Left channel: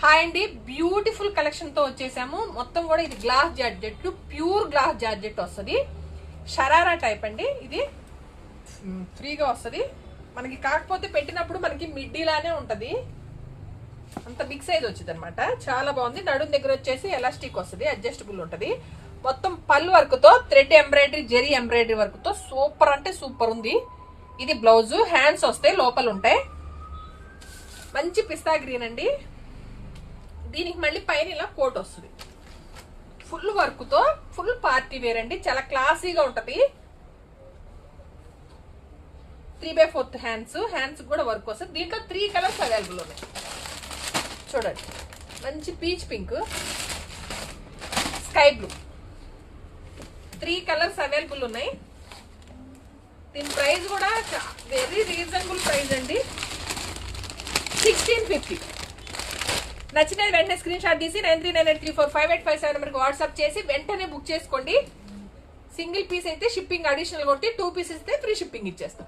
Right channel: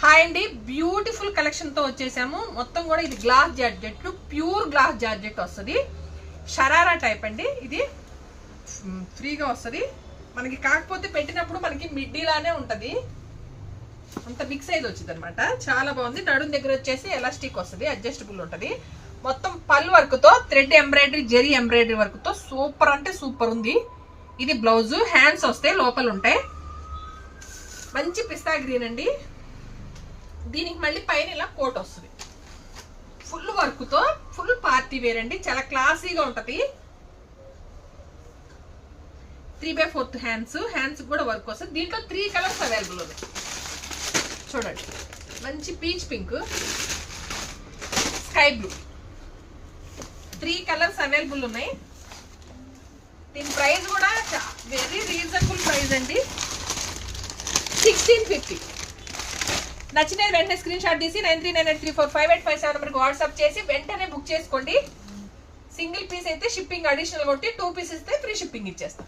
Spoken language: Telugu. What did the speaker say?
హాయ్ అండి, బ్యూటిఫుల్ కలెక్షన్ తో వచ్చేసాము. మొత్తం కూడా ఇది glass georgette, pure glass georgette వస్తుంది. షరారా టైప్ అండి. ఇది ఫ్రీగా వస్తుంది మనకి. కాకపోతే పెట్టినప్పుడు మనకి మిడ్డీలానే ఉంటది, అంత బిగ్ సైజ్ వచ్చింది అనమాట. చాలా బాగుంది. నడుం దగ్గర వచ్చేసి ఎలాస్టిక్ వస్తుంది, అడ్జస్టబుల్ ఉంటది. మొత్తం పల్ వర్క్ తో thread embroidery, zari embroidery work తో సూపర్ అంటే సూపర్ ఉంది. ఇది బ్లౌజ్. హ్యాండ్స్ వస్తాయి, లోపల ఉంటాయి. మంచి పిస్తా గ్రీన్ అండి. దీనికి మళ్ళీ పైన ఇలా కోట్ వస్తుంది. ఫుల్ వర్క్ తో ఫుల్ పార్టీ వేర్ అండి. చాలా క్లాసీగా ఉంటది. 3/4 హ్యాండ్స్ కూడా వర్క్ వస్తుంది. దీంట్లో 3 కలర్స్ అవైలబుల్ ఉన్నాయి. చూడండి, మంచి peach pink, sky blue, 3 colours available ఉన్నాయి. దీని ప్రైస్ కూడా వెరీ రీజనబుల్ ప్రైస్ అండి, 1650. నచ్చిన వెంటనే స్క్రీన్ షాట్ తీసి 9398345857 నెంబర్కి వాట్సాప్ చేసి వెంటనే బుక్ చేసుకోండి. సింగిల్ పీస్ అయితే షిప్పింగ్ అడిషనల్ కొట్టి 2 పీసెస్ అయితే ఫ్రీ షిప్పింగ్ ఇచ్చేస్తాం.